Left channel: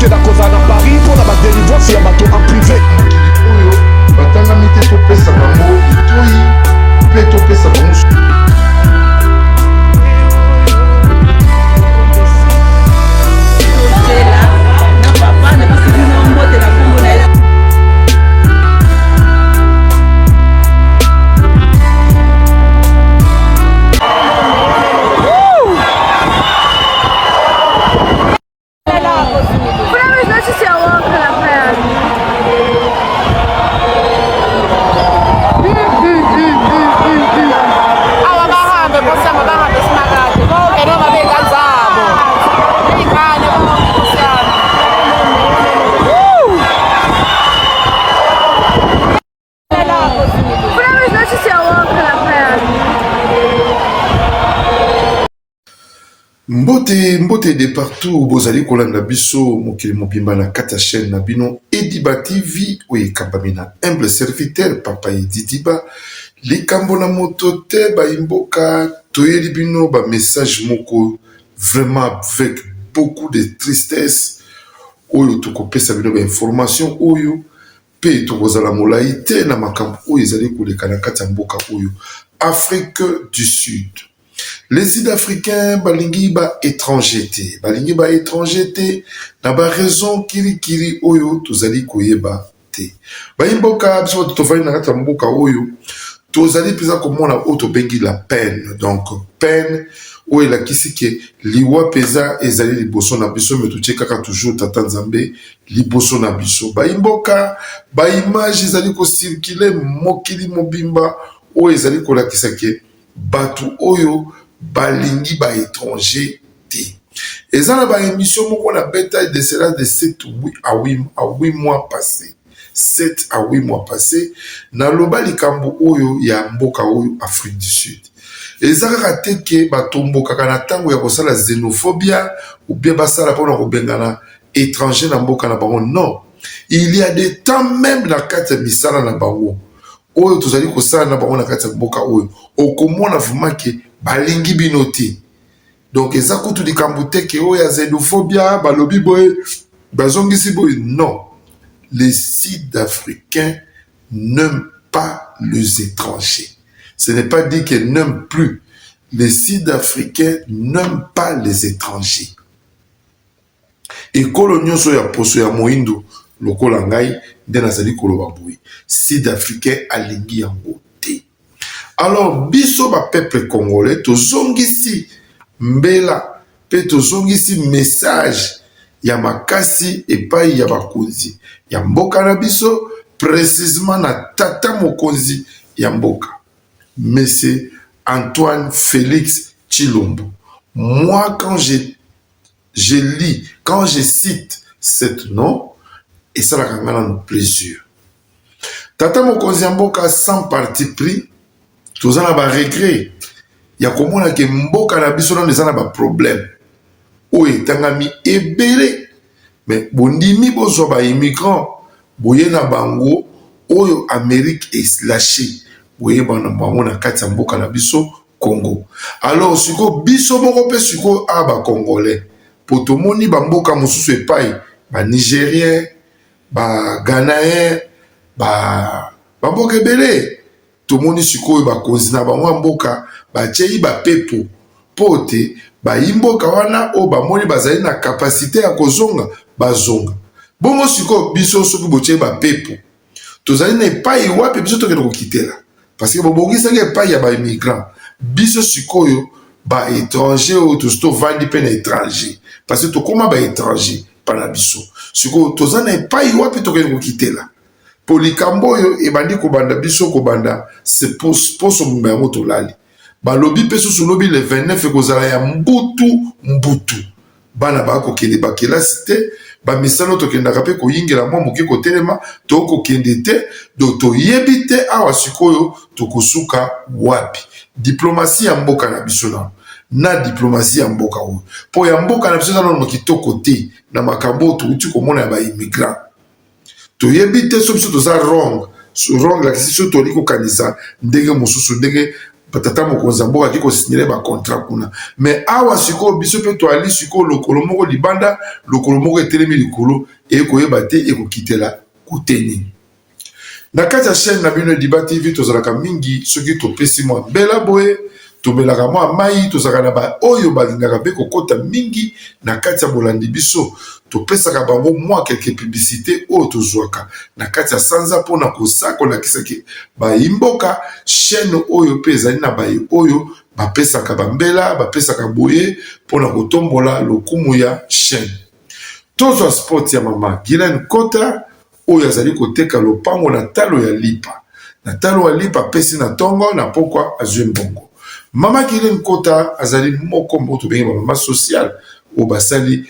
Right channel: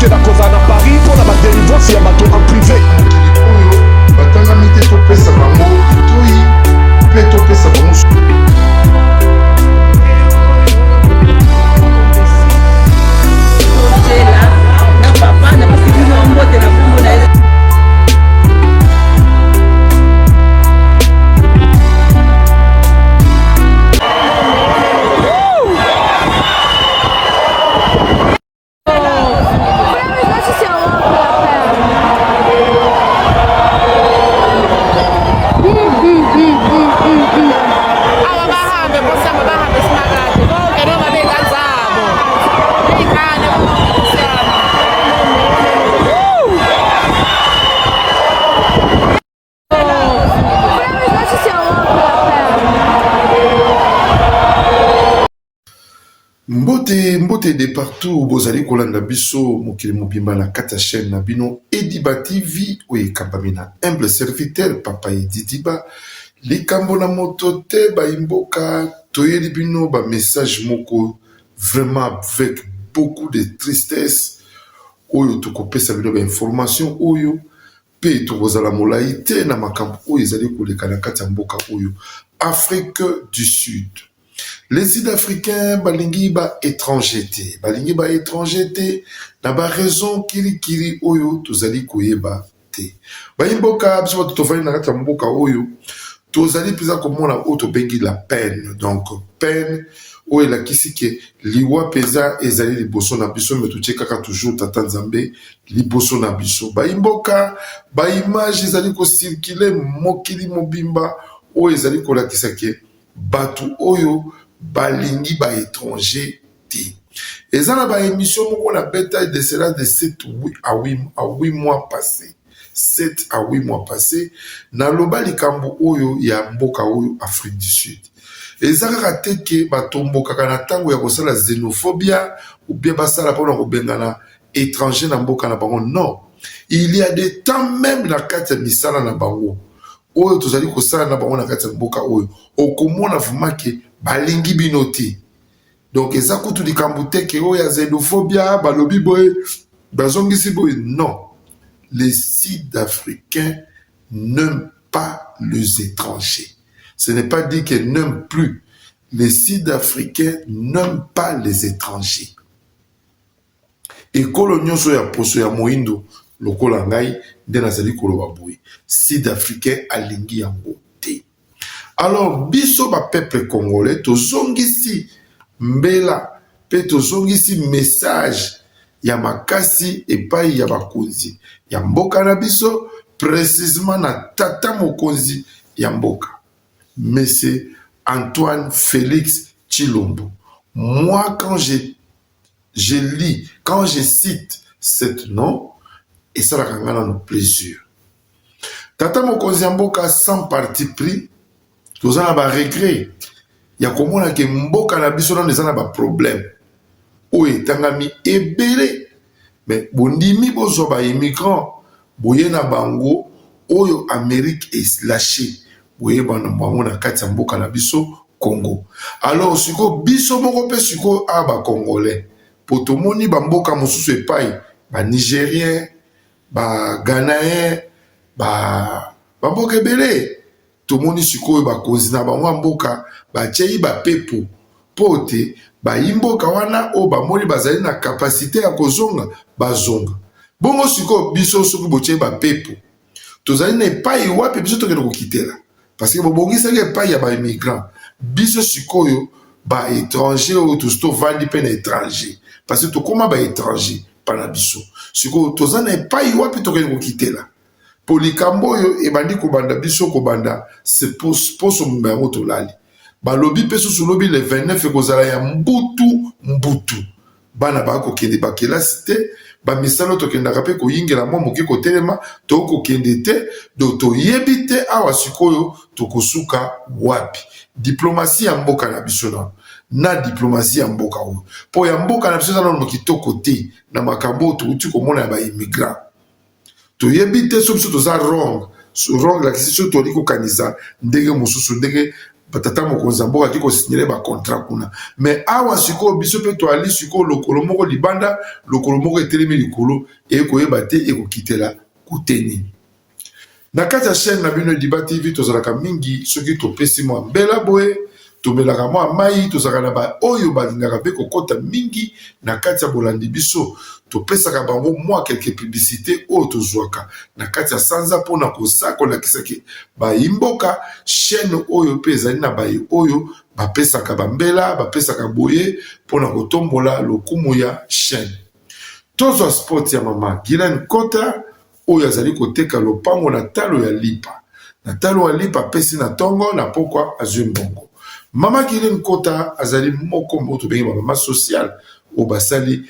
que la cause à Paris pour la délivrance et à bateau en privé. Batanga mite to pesa bango itoi pe to pesa bango. Mbote de partout bozali kolanda biso mokili mobimba na kata chaîne na bino Ediba TV oye kabamina humble serviteur papa Ediba likambo na moto te ba imboka toyeli bino ba message moko vraiment avec beaucoup de tristesse oyo tokopesa bino ba information oyo pe tokozala molai te na makambo oyo ezali koleka na kati ya mboka oyo Afrique du Sud. Les Sud-Africains, balingi ba étrangeté. Balingi ba étrangeté, na ba raison kiri oyo, tozali koyeba te. Ba imboka, biso tofali na kata mboka oyo, tozali pisa komona oto bengi la peine. Donc, peine, oyo la kisi ke liwa pesa ezali liboso na biso, mais tu kaka toujours tata nzambe liboso na biso. Ba imboka, ba image ezali ko circuler mokili mobimba, oyo ezali ko lakisa ke batu oyo balingi ba étranger te. Et ça, la émission, on a bêta de cela de 7 à 8 mois passés. 7 à 8 mois passés. Na loba likambo oyo ya mboka oyo Afrique du Sud. Et ça, raté que batombo kakana tango ya kosala xénophobia ou bien basala pona kobengana étranger na mboka na bango. Non. Il y a des temps même na kati ya misala na bango. Oyo tozali kosala na bango na kati ya mboka oyo. Okomona vraiment que balingi binoti. Donc, eza kutu di kamboute ke oya xénophobia, balobi boy, bazongisi boy. Non. Les Sud-Africains n'aiment pas les étrangers. Ce n'est pas dit qu'ils n'aiment plus. Les Sud-Africains n'aiment pas les étrangers. Et kolonio so ya poso ya moindo, lokola ngai, nde nazali koloba boy. Sud-Africains alingi yango. Alors, biso ba peuple congolais, tozongisi mbela, pe tozongisi message ya makasi epai ya bakonzi. Ya mboka na biso, précisément na tata mokonzi ya mboka. Monsieur Antoine Félix Tshilombo. Moi, quand je lis, quand je cite cet nom, et ça la kangana nous plaisir. Tata mokonzi ya mboka sans parti pris, tozana ba regret ya komona ke mboka na biso na ezana ba problème oyo etangami ebele mais bondimi bozwa ba immigrant boye na bango oyo Amérique eslâché boye bana bango na kati ya mboka na biso Congo. Alors siko biso moko pe siko aba congolais potomoni ba mboka mosusu epai ba nigérien ba ghanéen ba mboka ebele tomoni sikoyo bakonzi na bango mboka bachei ba pepo pote ba imboka wana o bamoni bazali na capacité ya kozonga bazonga bongo sikoyo biso soki bochei ba pepo tozali na epai wapi biso tokende kokitela parce que bobongisaki epai ya ba immigrant biso sikoyo ba étranger oyo tovandi mpe na étranger parce que tokóma ba étranger pana biso sikoyo tozali na epai wapi tokende kokitela polikambo oyo ebandi kobanda biso kobanda se poso mbango tolali balobi pe susu lobi le 29 ekozala ya mbutu bana bakokende bakelasi te bamisano tokendaka mpe koyingela mwa moke kotelema tokokende te do toyebi te awa sikoyo tokosuka wapi diplomasi ya mboka na biso na diplomasi ya mboka oyo po ya mboka na biso nano kitoko te na makambo oyo touti komona ya baimmigrant toyebi te so biso toza wrong la kisi so toli kokanisa ndenge mosusu ndenge batata mokonzi mboka ki kosignele bacontrat kuna. Mais awa sikoyo biso mpe toali sikoyo lokolo moko libanda, lokolo moko etelemi likolo ekoyeba te ekokitela kuteni. Na kati ya chaîne na bino Ediba TV tozalaka mingi soki topesi mwa mbela boye, tomelaka mwa mai, tozalaka na ba oyo balingaka mpe kokota mingi na kati ya bolandi biso, topesaka bango mwa quelques publicité oyo tozwaka na kati ya sanza mpona kolakisaki bayimboka chaîne oyo mpe ezali na baye oyo bapesaka bambela, bapesaka boye mpona kotombola lokumu ya chaîne. Tozwa sport ya mama Gilen Kota oyo azali koteka lopango na talo ya lipa. Na talo ya lipa pesi na tongo na pokwa azwi mbongo. Mama Gilen Kota azali moko mboto bengi mama social o basali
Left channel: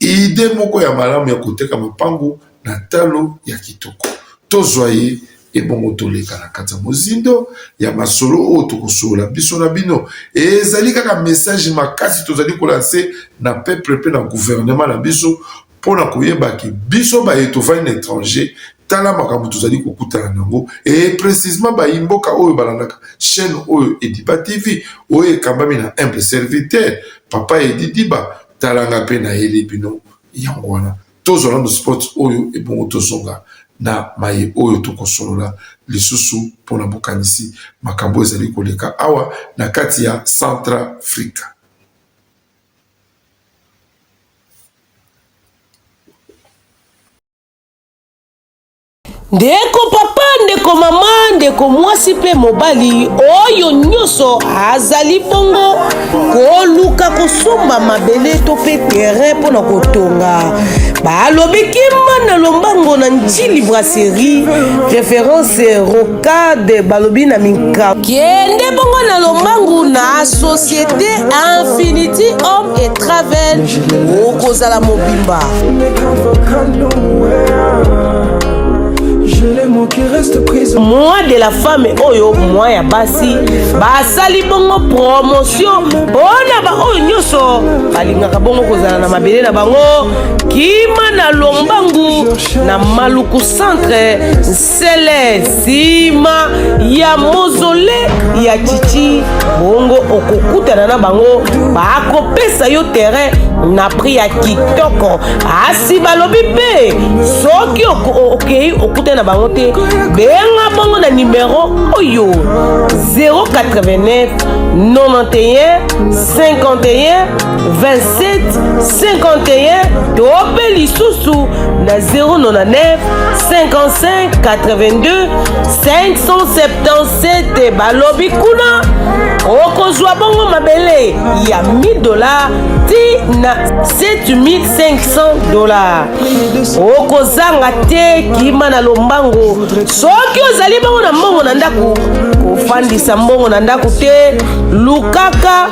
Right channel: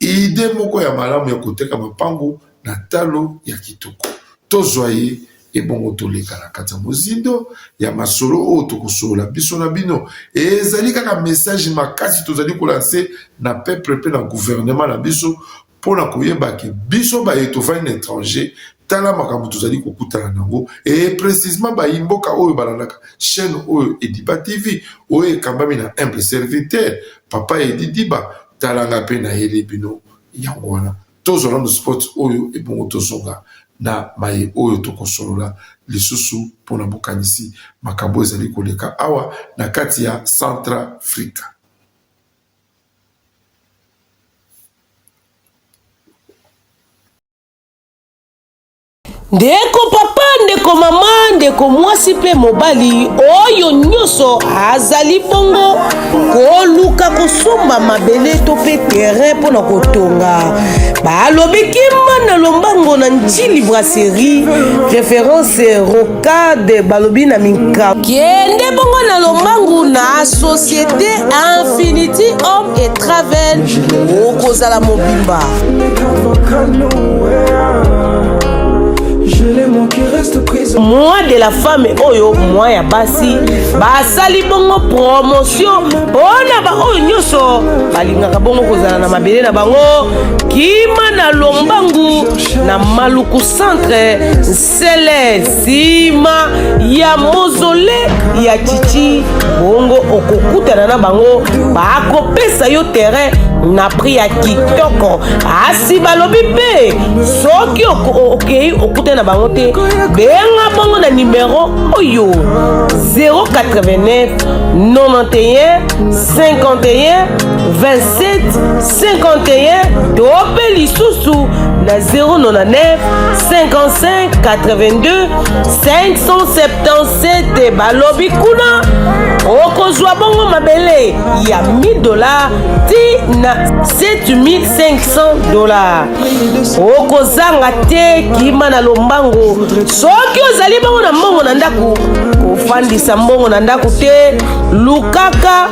ide moko ya malamu ya koteka mapango na talo ya kitoko. Tozwa ye ebongo toleka na kati ya mozindo ya masolo oyo tokosola biso na bino. Ezali kaka message makasi tozali kolanse na peuple pe na gouvernement na biso pona koyeba ki biso ba etofani na étranger tala makambo tozali kokutana nango et précisément ba imboka oyo balandaka chaîne oyo Ediba TV oyo ekambami na humble serviteur papa Ediba talanga pe na yeli bino yango wana tozolanda sport oyo ebongo tozonga na maye oyo tokosolola lisusu pona bokanisi makambo ezali koleka awa na kati ya Centrafrique. Ndeko papa, ndeko mama, ndeko mwasi pe mobali oyo nyonso azali bongo koluka kosomba mabele to pe terrain mpona kotonga balobi kima na lombango na Njili Brasserie référence rocade balobi na minka kende bongo na lombangu na société Infinity Home et Travel okozala mobimba. Moi de la femme oyo moi ya basi basali bongo promotion bona ba oyo nyoso balingaka bongo kozala na mabele na bango kima na lombangu na Maluku centre sele sima ya mozole ya chichi bongo okokutana na bango bakopesa yo terrain na prix ya kitoko asi balobi pe soki okei okutana na bango te benga bongo na numéro oyo 089 91 51 27 51 tope lisusu na 099 55 82 577 balobi kuna okozwa bongo mabele ya $1000 ti na $7500 okozanga te kima na lombango soki ozali bongo na mbongo na ndaku kofandisa mbongo na ndaku te lukaka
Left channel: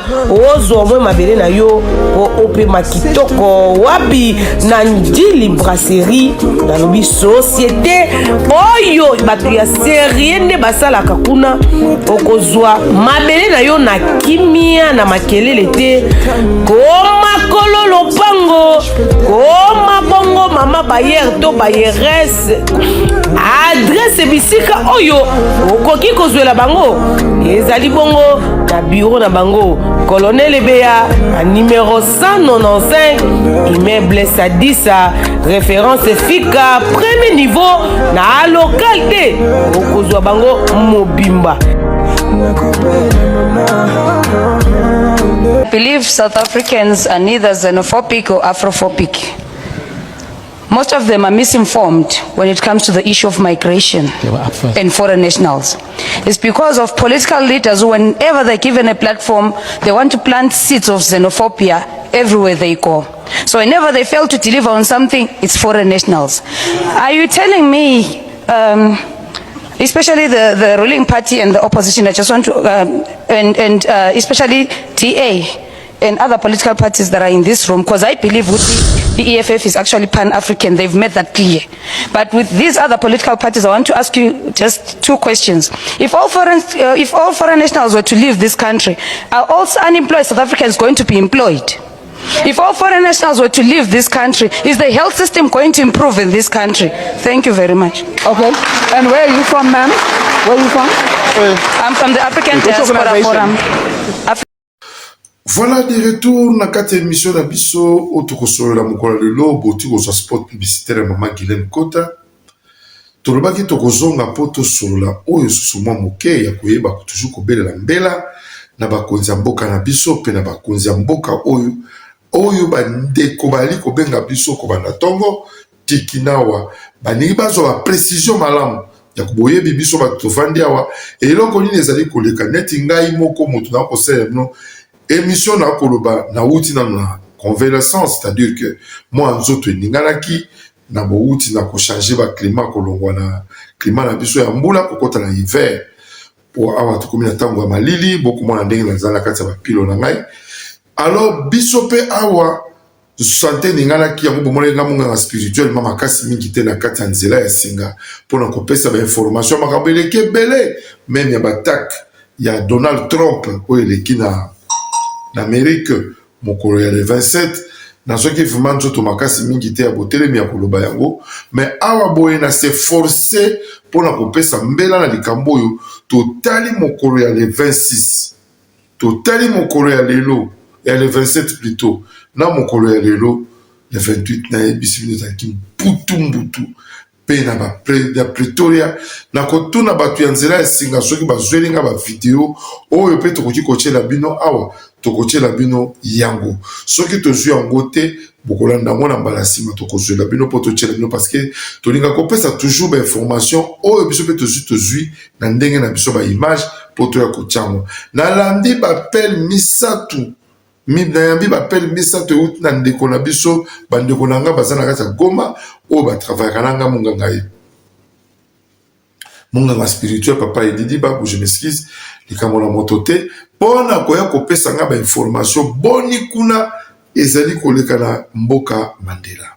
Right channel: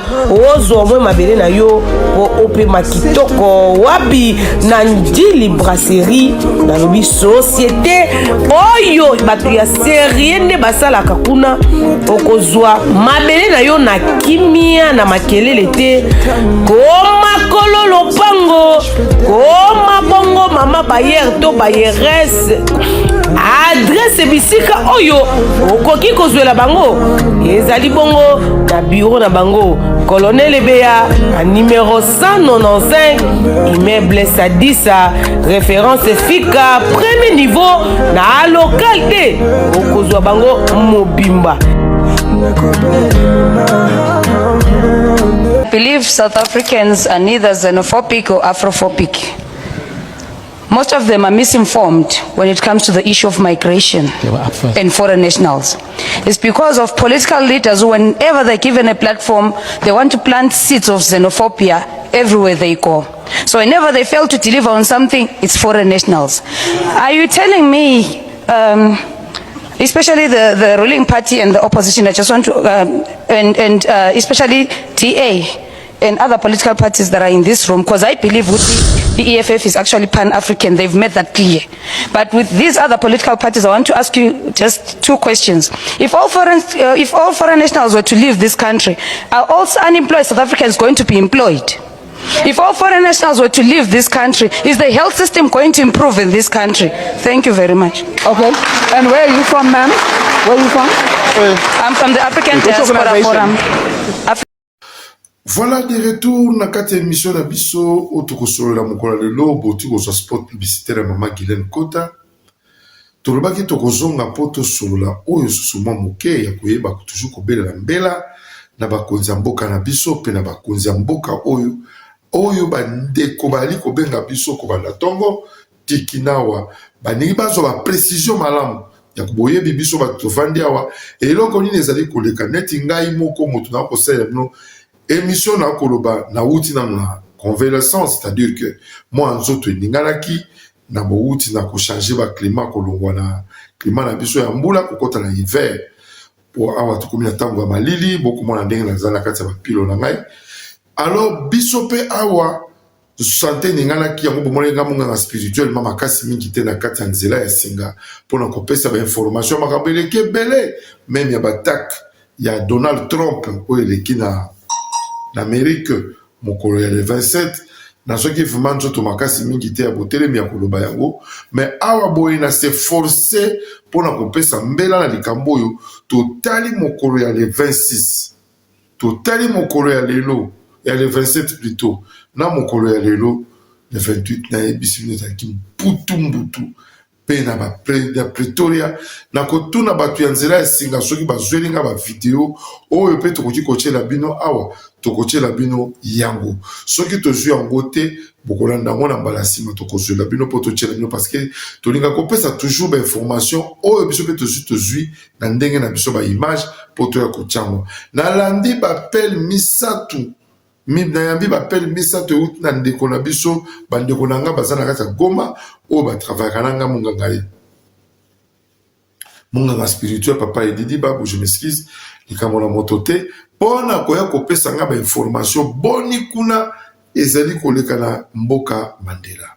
ozwa mwe mabele na yo po opema kitoko wapi na Njili Brasserie nalobi société oyo bato ya serie nde basalaka kuna okozwa mabele na yo na kimia na makelele te koma kolo lopango koma bongo mama bayer to bayerese adresse bisika oyo okoki kozwela bango ezali bongo na bureau na bango Colonel Ebeya à numéro 195 immeuble Sadissa référence FICA premier niveau na localité okozwa bango mobimba. I believe South Africans are neither xenophobic or Afrophobic. Most of them are misinformed when it comes to the issue of migration and foreign nationals. It's because of political leaders who, whenever they're given a platform, they want to plant seeds of xenophobia everywhere they go. So whenever they fail to deliver on something, it's foreign nationals. Are you telling me, especially the ruling party and the opposition, I just want to, especially DA, and other political parties that are in this room, because I believe the EFF is actually pan-African. They've made that clear. But with these other political parties, I want to ask you just two questions. If all foreign nationals were to leave this country, are all unemployed South Africans going to be employed? If all foreign nationals were to leave this country, is the health system going to improve in this country? Thank you very much. Okay. And where are you from, ma'am? Where are you from? I'm from the African Diaspora Forum. Voilà des retours na kati émission na biso otokosolo la mokolo lelo boti ko spot publicitaire Maman Guylaine Kota. Tolobaki tokozonga poto solola oyo susuma moke ya koyeba toujours kobelela mbela na bakonzi ya mboka na biso pe na bakonzi ya mboka oyo bandeko bali kobenga biso kobanda tongo tikinawa baningi bazwa ba précision malamu ya koboyebi biso bato tovandi awa eloko nini ezali koleka neti ngai moko moto na kosala no émission na koloba na wuti na convalescence, c'est-à-dire que moi nzoto eninganaki na bouti na ko changer ba climat kolongwa na climat na biso ya mbula kokota na hiver pour awa to komina tango ya malili beaucoup moins ndenge na zala kati ya pilo na ngai. Alors biso pe awa santé ninganaki yango bomole nga munga spirituel mama kasi mingi te na kati ya nzela ya singa pona kopesa ba information makambo eleke bele même ya batak ya Donald Trump oyo eleki na Amérique mokolo ya le 27 na soki vraiment nzoto makasi mingi te ya botelemi ya koloba yango mais awa boye na se forcer pona kopesa mbela na likambo oyo totali mokolo ya le 26 totali mokolo ya lelo ya le 27 plutôt na mokolo ya lelo le 28 na ebisi bino ezalaki mbutu pe na Pretoria na kotuna bato ya nzela ya singa soki bazwelinga bavideo oyo pe tokoki kotiela bino awa tokotiela bino yango soki tozwi yango te bokolanda yango na mbala nsima tokozwela bino mpo totiela bino parce que tolinga kopesa toujours bainformation oyo biso mpe tozwi na ndenge na biso baimage mpo toya kotiango nalandi bapele misatu nayambi bapele misato euti na ndeko na biso bandeko na nga baza na kati ya Goma oyo batravayaka na nga monganga spirituel papa Edidi Babu je m'excuse likambo na moto te mpona koya kopesa nga bainformation boni kuna ezali koleka na mboka Mandela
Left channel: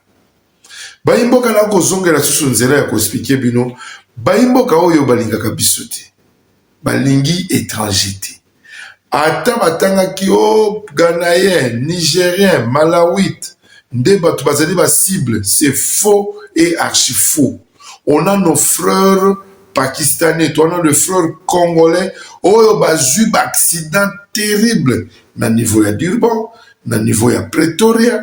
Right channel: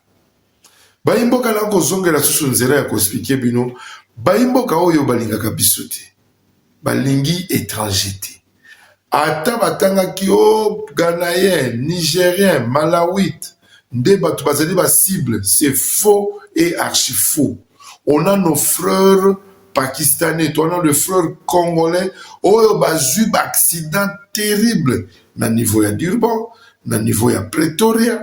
bayimboka na kozongela susu nzela ya koexplike bino bayimboka oyo balingaka biso te balingi étranger te ata batangaki o Ghanéen, Nigérien, Malawite, nde bato bazali ba cible, c'est faux et archi faux. On a nos frères pakistanais, on a le frère congolais, oyo bazui ba accident terrible na niveau ya Durban, na niveau ya Pretoria,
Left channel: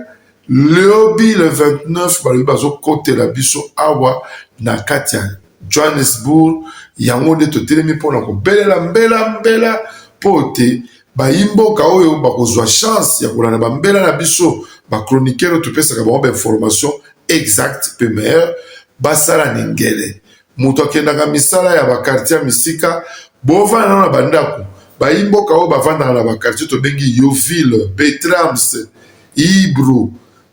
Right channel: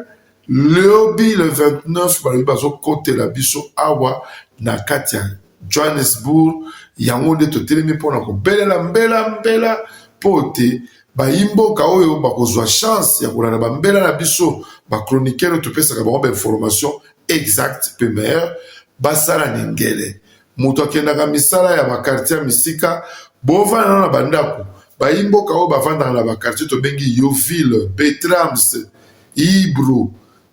lobby le 29 balobi bazo kote la biso awa na kati ya Johannesburg, yango nde totelemi mpona kobelela mbela pote bayimboka oyo bakozwa chance ya kolanda bambela na biso bachroniqueur topesaka bango bainformation exact pe meilleur basala ningele moto akendaka misala ya bakartier ya misika bovanda na bandako bayimboka oyo bavandaka na bakartier tobengi Yoville, Betrams, Ibro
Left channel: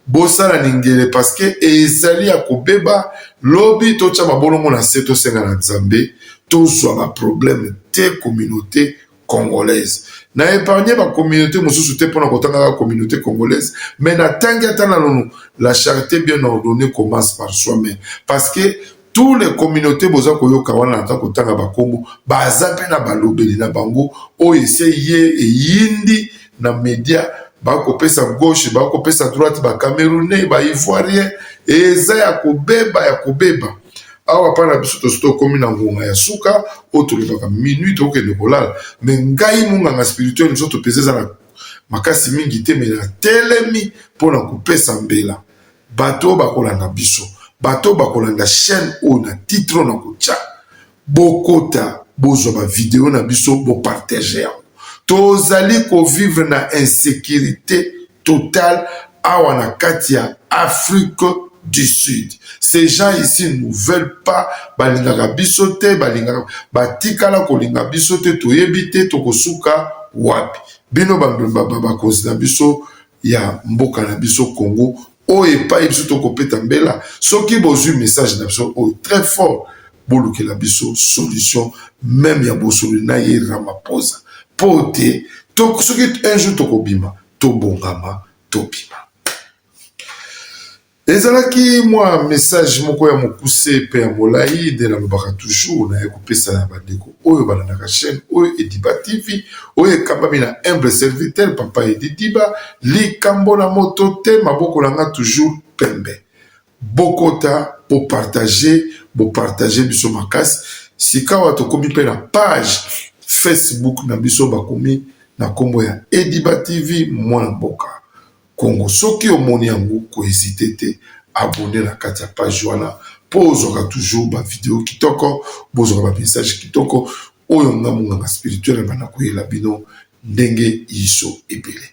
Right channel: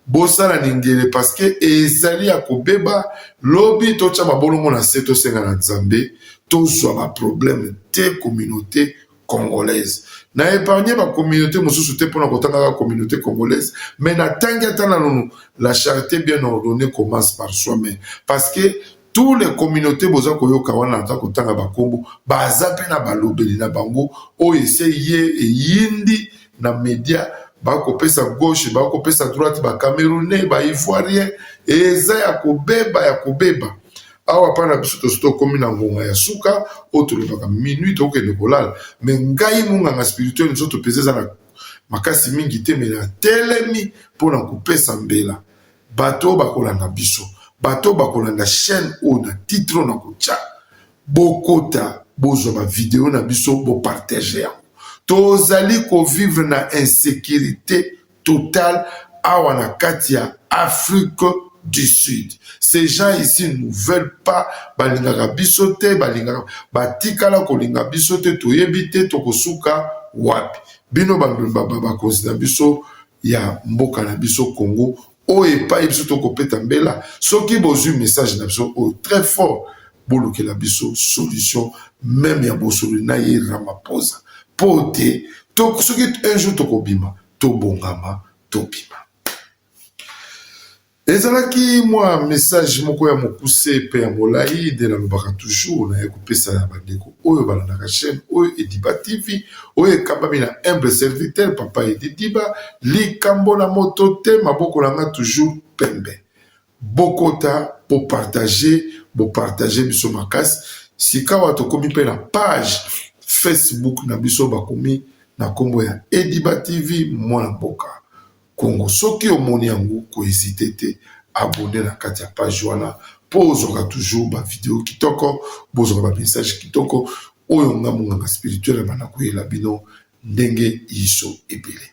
bosala ningele parce que ezali ya kobeba lobi totia mabolongo na se tosenga na Nzambe tozwa baproblème te communauté congolaise. Na épargné ma communauté, mon sous-souté pour la communauté congolaise, mais na la charité bien ordonnée commence par soi-même. Parce que toutes les communautés, boza koyo kawana na kotanga bakombo, bazape na balobeli na bango, o essayé et yindi na média, ba kopesa gauche, ba kopesa droite, ba Camerounais, ba Ivoirien, et za ya kobeba. Awa pana biso tosto komi na ngonga ya suka otolibaka minute okende kolala me ngai munganga spirituel nzo topezeza na makasi mingi te me na telemi mpona kopesa mbela bato bakolanda biso bato bakolanda chaîne o na titre na kotia bokota bozwa bavideo na biso bopartage yango tozali kovivre na insécurité totale awa na kati ya Afrique du Sud. Ces gens ici ne veulent pas balingaka bisote, balingaka batikala kolinga bisote toyebite tokosuka wapi. Bino bakozi na biso ya mboka na biso Congo oye pa biso tokopeta mbela soki bozwi message na biso o très fort boluke la biso solution même ya bosolo na ye Ramaphosa pote to soki un jour tokobima tobongama tobima. Ezalaki moi message moko ya mokuse pe ya molai de la mbaka toujours na ekopesa na bandeko oyo balandaka chaîne oyo Ediba TV oyo ekambami na humble serviteur papa Ediba likambo na moto te maboko nanga toujours pembe bokota bo partager biso makasi sikawa tokomi pe na page Facebook na biso bakomi na kombo ya Ediba TV mwana mboka Congo. Soki omoni yango ko hésiter te abonner na kati ya page wana po ozoka toujours ba vidéo kitoko, bozoka ba message kitoko oyo nganga spirituel bana koyela bino ndenge iso ebele.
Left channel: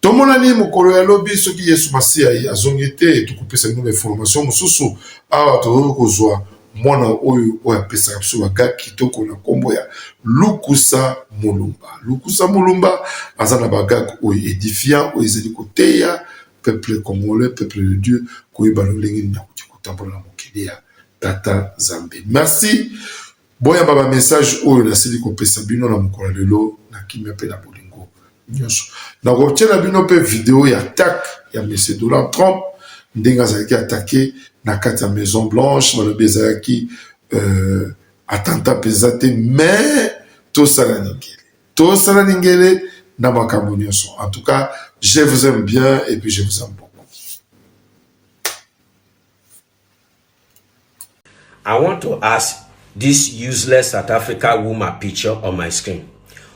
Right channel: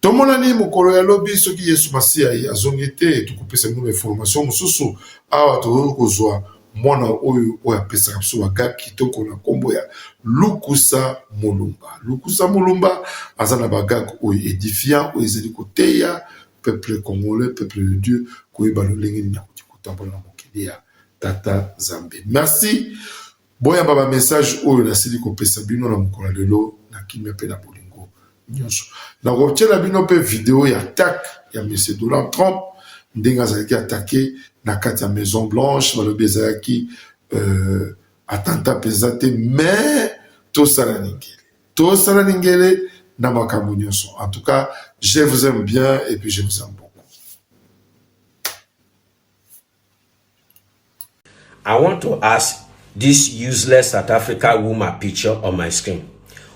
Tomonani mokolo ya lobi soki Yesu Masiya azongi te tukopesa nome information mosusu awa tokozwa mwana oyo apesaka biso baga kitoko na kombo ya Lukusa Mulumba. Lukusa Mulumba aza na baga oyo édifiant oyo ezali koteya peuple congolais, peuple de Dieu koyeba lolenge na kotambola na mokili ya Tata Zambe. Merci. Boya baba message oyo nasili kopesa bino na mokolo lelo na kimia pe na bolingo nyonso. Na kotiela bino pe vidéo ya attaque ya M. Donald Trump ndenge azalaki attaqué na kati ya Maison Blanche balobi ezalaki attentat penza te mais tosala ningele na makambo nyonso. En tout cas, je vous aime bien et puis je vous aime beaucoup. I want to ask this useless South Africa woman picture on my screen.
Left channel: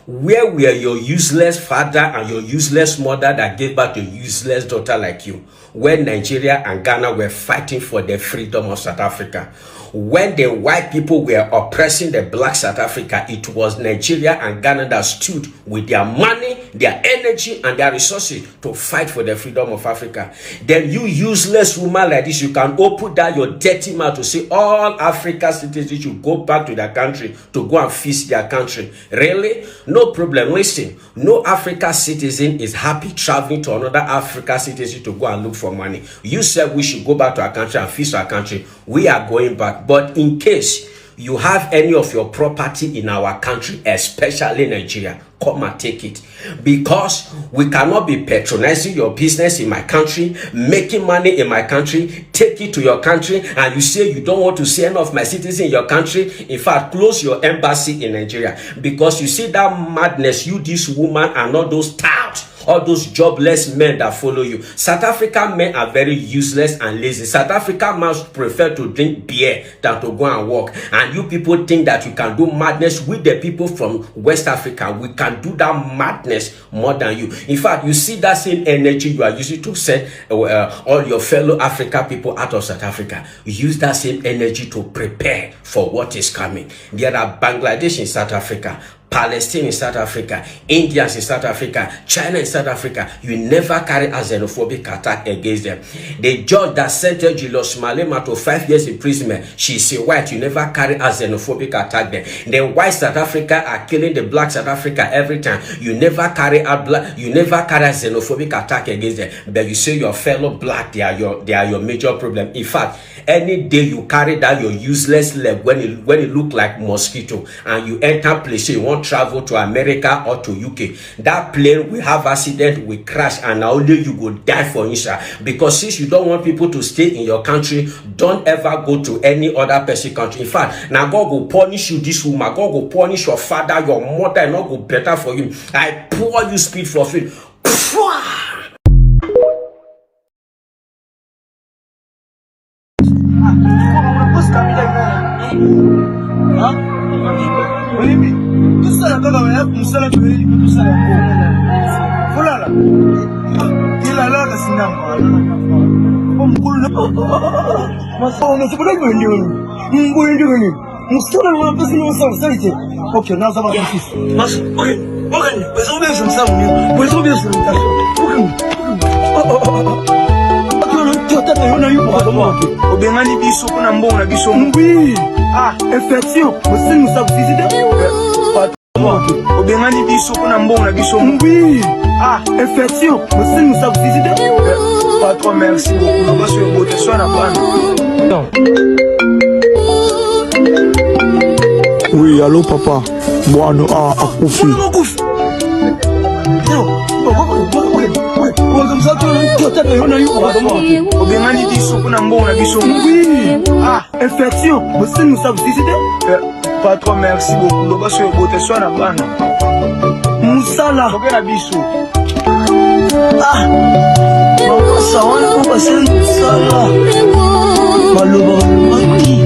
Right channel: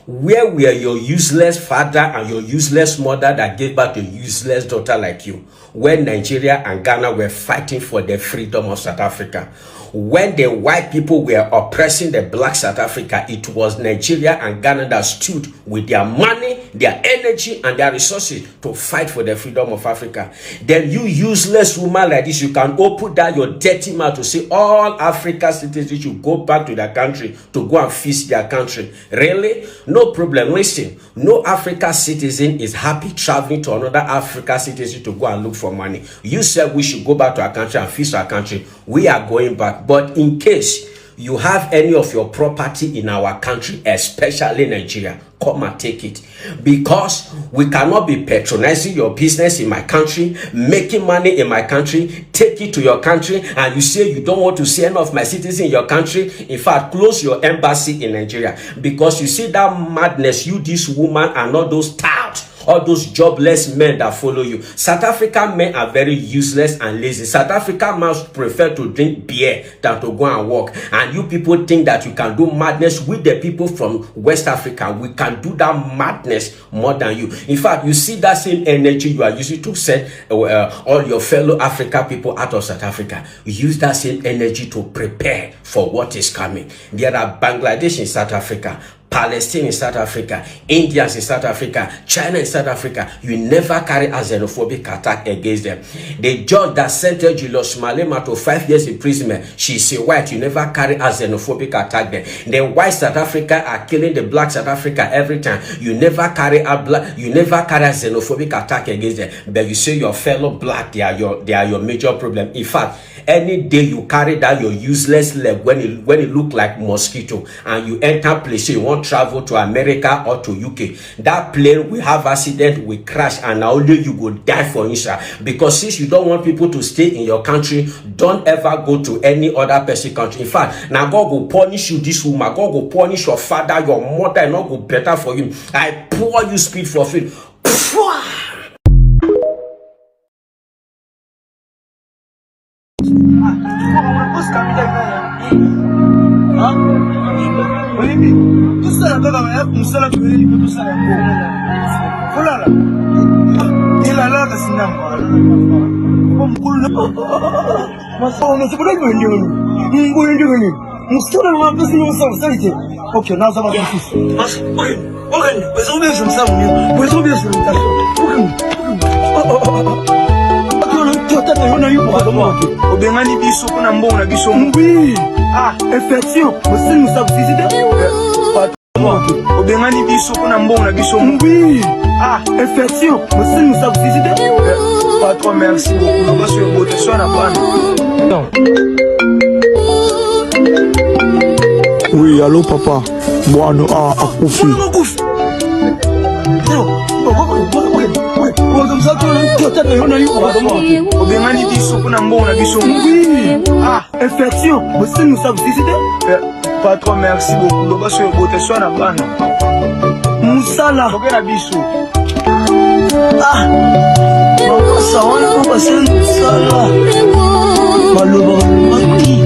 Where were your useless father and your useless mother that gave birth to a useless daughter like you when Nigeria and Ghana were fighting for the freedom of South Africa? When the white people were oppressing the black South Africa, it was Nigeria and Ghana that stood with their money, their energy, and their resources to fight for the freedom of Africa. Then you useless woman like this, you can open down your dirty mouth to say all Africa citizens should go back to their country to go and feast their country. Really? No problem. Listen, no Africa citizen is happy traveling to another Africa citizen to go and look for money. You said we should go back to our country and feast our country. We are going back. But in case you have any of your property in our country, especially Nigeria, come and take it. Because we cannot be patronizing your business in my country, making money in my country, take it to your country, and you say you don't want to see any of my citizens in your country. In fact, close your embassy in Nigeria. Because you see that madness, you, this woman, and all those touts, all those jobless men that follow you. South African men are very useless and lazy. South African men prefer to drink beer than to go and work. And you people think that you can do madness with the people from West Africa. We can do that madness more than you. In fact, you see that same energy you are using to send all your fellow African people out of South Africa. You use that same energy to prepare for what is coming. There are Bangladesh in South Africa, Palestine in South Africa, Indians in South Africa, China in South Africa. You never carry a xenophobic attack against them. The judge that sentenced Julius Malema to 5 years imprisonment, she's a white. You never carry a xenophobic attack there. The white South Africa are killing the black South Africa every time. You never carry a xenophobic attack against them. But you say your fellow black, they are your major problem. In fact, any day you carry down your useless leg when it look like mosquito and you enter place, you want travel to America or to UK, that plane will have accident, will crash, and only you will die for inside. Because since you don't want people to stay in your country, don't ever go to any other person country. In fact, now God will punish you, this woman. God will punish your father, your mother, and not go better for you. I pour you spirit for food. Obengani biso kuna mbona biso ngwi infection musinga subside obengani biso kuna mbona biso ngwi infection musinga subside patron merci beaucoup baso yo bote so na bana. Oui, allô papa. Bwana akufi. Obengani biso kuna mbona biso infection musinga subside patron merci beaucoup baso yo bote so na bana musala okena biso mama sawana ko basen sala maloba maki